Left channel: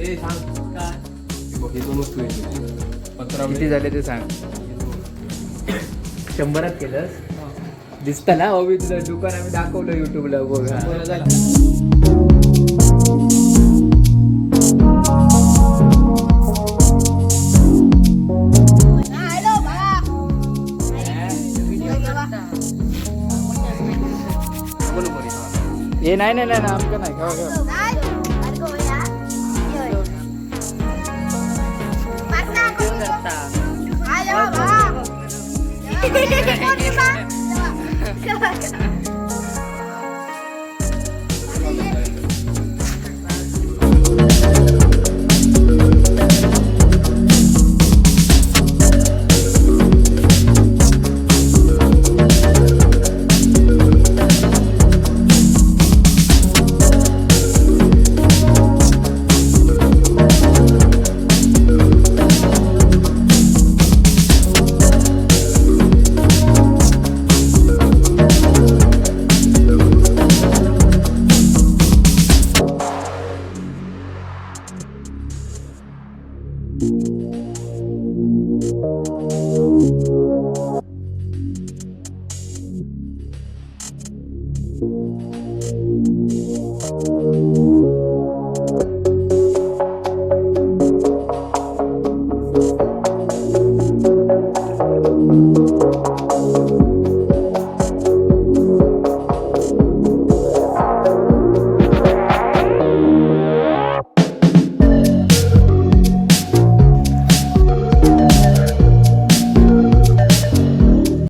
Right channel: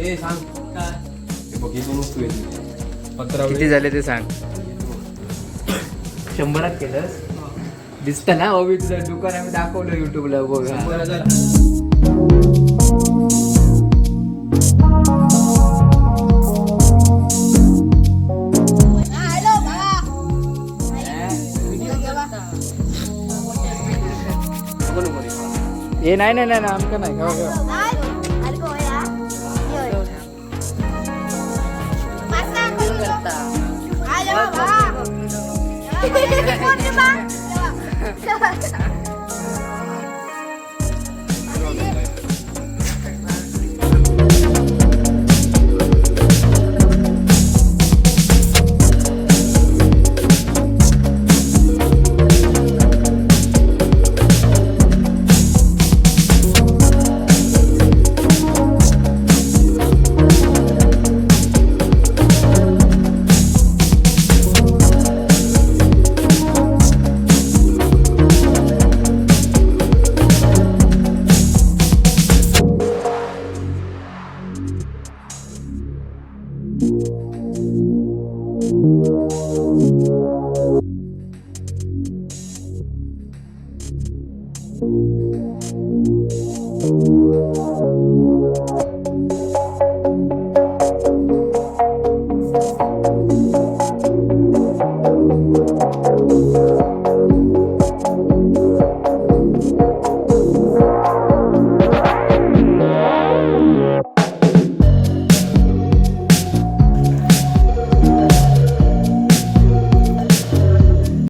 ए सांग काय बघ ही दोन वस्तू आहे 15 किती झाले ते सांग. 100त केलंस दिसत ना हो. मी तुझं दुकान आम्ही दाखवलं युट्यूबला बघ. 100,000 हे नाही नाही नाही आमचं नाही केव्हा केव्हा